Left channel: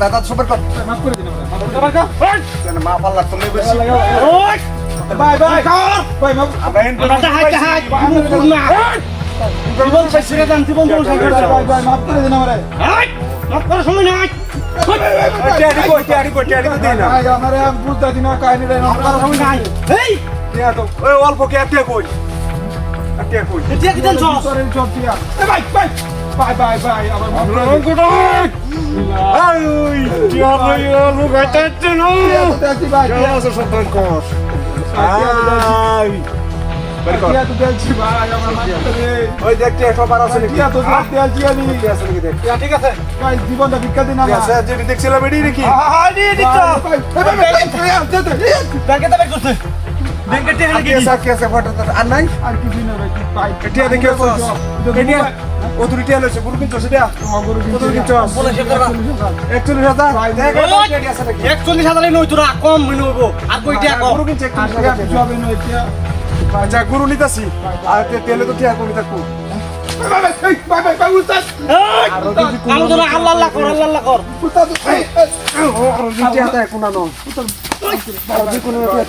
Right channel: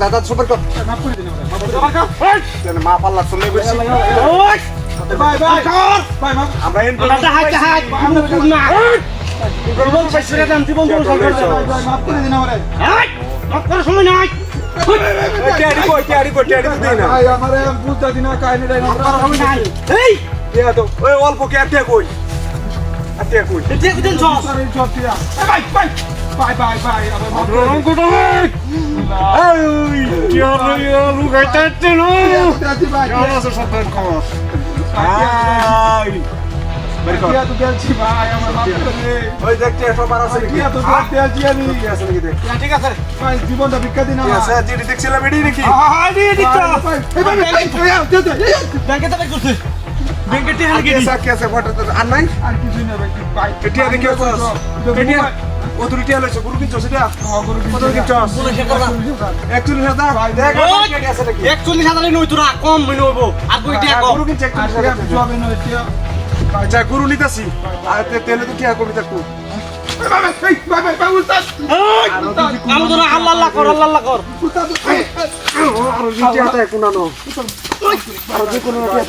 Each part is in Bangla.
দাদা সুপার কর মা পাল্লা চলে গেছে বাই বাই বাই মা দাদা হাত হাত জীবন শেষ করে দেন জীবন ধ্বংস করে দেন মাফ করে দিন আমারে মাফ করার সময় নাই ভাই আমারে বুঝতা দিন কাহিনী নাই মাফ করার সময় নাই এই দিয়া তো ওই অল্প কে আটে কই এটা কি দেন সরি চটিয়া এ ভাই ভাই বাই বাই বাই আমার মাফ করে গুড এই কি আর লোক আইতে না ভাই কেমন সন্তান কর আই क्या तो दिल छी भाई আমার মাফ করে ওই দেখ কি খবর আছে কি তো দিল জি আমি কি আছে নাকি দেখ ঠিক আছে ভাই জীবনটা ভিক্ষা দিন আমার স্যার জি দেখছিলাম এডি নাকি হ্যাঁ এডি তো ব্যাংকে তো করতে ব্যাংকে টি হালে গেছি স্যার কি আছে ফটো তো আনলাইন আর কিছু না ভাই ভাই এটি দেখি কস এটি অথরিটি আলো গুরু কিনছো সেটা গুরু কিনছো বলে সে করবা 41000 ভাই দেখ কি আছে নাকি 41000 নই তোরা কম মিলে হবো আর কইটা কম গুরু কিনছে 41000 জবে নই আচ্ছা গুরু নিতাছি আর তেলে তো কি আর করি থাকবো ভাই ভাই ভাই ভাই উস্তাদ কাম ধরে আল্লাহ আল্লাহ কর উস্তাদ ও রুজি আতা কোনানো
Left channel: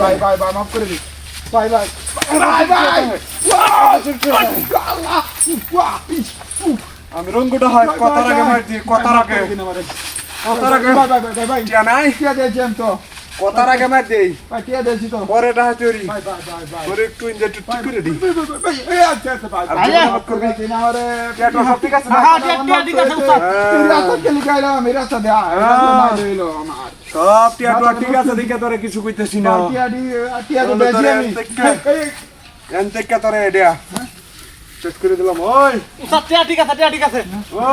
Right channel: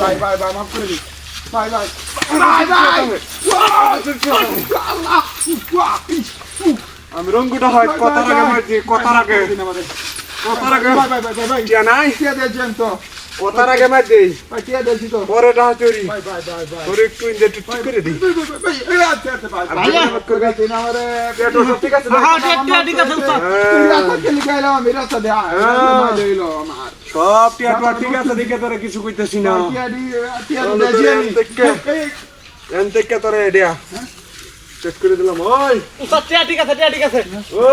ভাই ভাই ভাই মাফ করে দি ভাই ভাই ভাই ভাই আল্লাহ আমি রঙ্গটা হয় কথা রাখে মারছি কথা রাখে ভাই ভাই ভাই ভাই টিয়া নাই টিয়া দে জান তো কথার আগে মার দেই ভাই টিয়া দেছি তো পরে ডাহা চুরি ভাই ভাই ভাই ভাই তোর একটু ইনজেক্ট ঠিক করে দি ভাই এই আচ্ছা আচ্ছা ভাই মাফ করে দিন আমারে পেটো সব ঠিক আছে হ্যাঁ টিয়া ঠিক আছে উস্তাদ তুই রাস্তা চলে গেলাম আমি রাস্তা দে লইলো আমার সব টিয়া ঠিক আছে দেখে তোরে কিছু কইতেছি না টিয়া তো দেছি আমি এনতে তোরে দেয়া চেক করে দিলাম ওই উস্তাদ টিয়া ঠিক আছে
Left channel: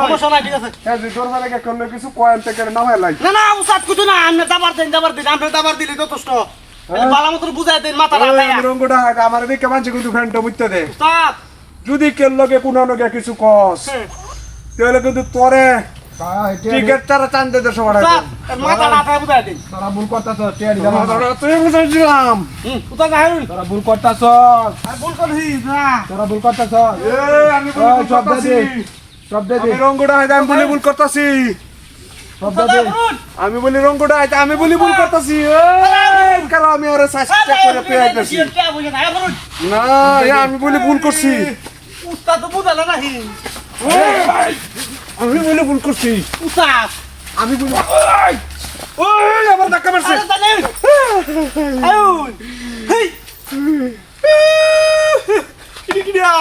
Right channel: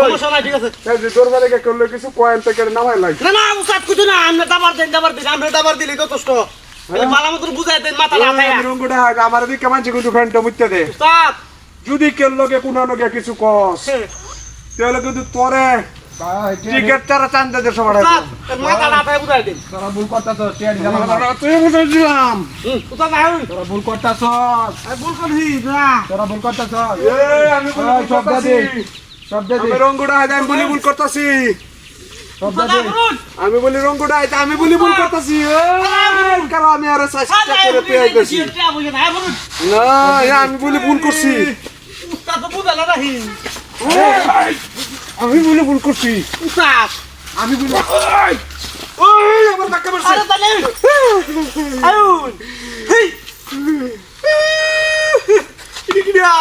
সমস্যা নাই ঠিক আছে এই যে দরবার লাগে করলে কিছু কয়েন থেকে নামাই লাই না না উস্তাদ কিছু না আমরা দাবার দিন আমরা দাবার দিলে যথেষ্ট এই বালা মত বুঝাই দেন মাথা লাগায়া রঙ্গটা আমার দিকে মানছি কিন্তু ফ্যানটা মুইতে দে উস্তাদ যদি কেল লগে কোনা লগে কিছু কস তাহলে কিন্তু তোরে ভাই টিকেট তারা টান দে দে সবার উস্তাদ মাথা লাগায়া বুঝাই দেন তোরা ভুল করতাছ টিয়া দিলাম তুই বুঝাইছিলাম উস্তাদ ভাই তোরা ভুল করতাছ আমি ভুল করছি না তোরা ভুল করতাছ এই আমি সব দে আমি রঙ্গটা আমি বলি ভুল করতাছি আমি বলি রঙ্গটা আমি বলি ভুল করতাছি এই কারণ আমি আরে চেষ্টা করে পেয়েছি না আমি বলি ভুল করছি উস্তাদ বুঝালা নাহি আমি বলি ভুল করছি উস্তাদ আমি বলি ওই আমার ধাক্কা মারছে আরে তালে আউন হেই কি দিয়া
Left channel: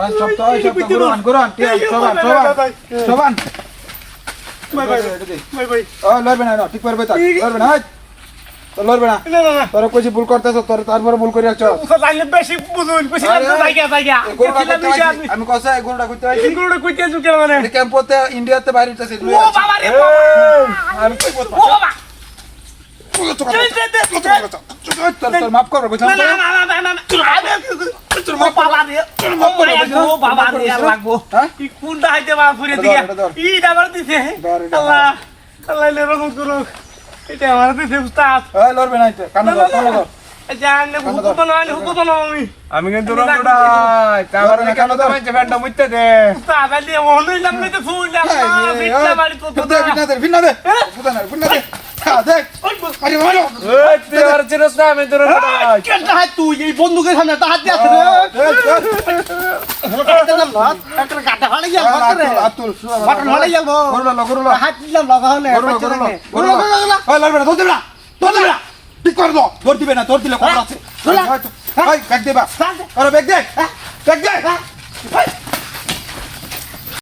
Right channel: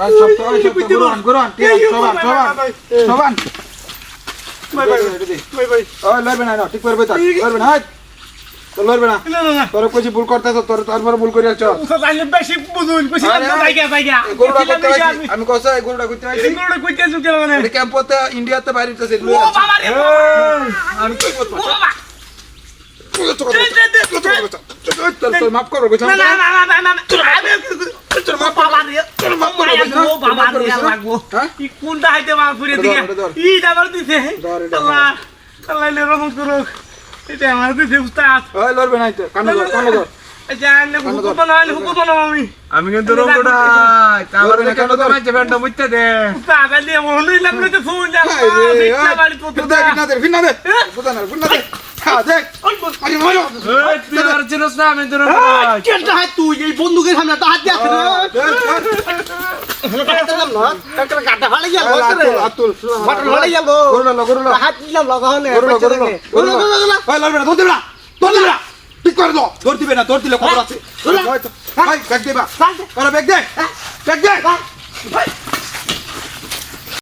আর সব গুরান সবান ভাই ওই লড়বে না ঠিক পারবে তা লড়বে না তো লড়বে না তোর কইছি ভুল করতেছ তোর তারপর ভুল করে আছো তাইলে বেশি বুঝুন কইছিলাম না জায়গা আমি কইছা এই গরুটা কইতে আইছি গরুটা কইতে আছো কেন মানে ক্যাম্পতে ইন্ডিয়াতে বাইরেতেছে ও বাবা রে আর কই বলতো ও বাবা তোর মাফ করো কইছা না তোর মাফ বাবা রে ও বাবা রে লাগবো কি কোনটা হাইতে মা ফুরে দিগা ই দাবার দিছে আল্লাহ আল্লাহ লে রহম করো এটা আমার দিছে উস্তাদ ওই লড়বে না তো কানে ধর জানে হুকুম না আমি কিন্তু রঙ্গটা কাবার না কেন তো মাঝে ফ্যানটা মুইতে দে উস্তাদ আলি মনই লাগলো তো ফুল না বিটলা বাড়ি তো ভিন্না দে দেখ আরে বলো ওই তুই আর চিনস না আমি তোর কেনটা হাত তুই এই বন্দুকের সামনে তো হাত দিয়ে আছে একটা গাটা ভালো গিয়া আতুল বাটন ভালো গিয়া গরুলো হাত দিলাম লাগাও না গরুলো ওই লড়বে না দৌড় দিলা ঠিক করে দাও দৌড় দিবে না দৌড় দিলে খবর আছে ভাই ব্যাগ দে বা আরে ব্যাগ দে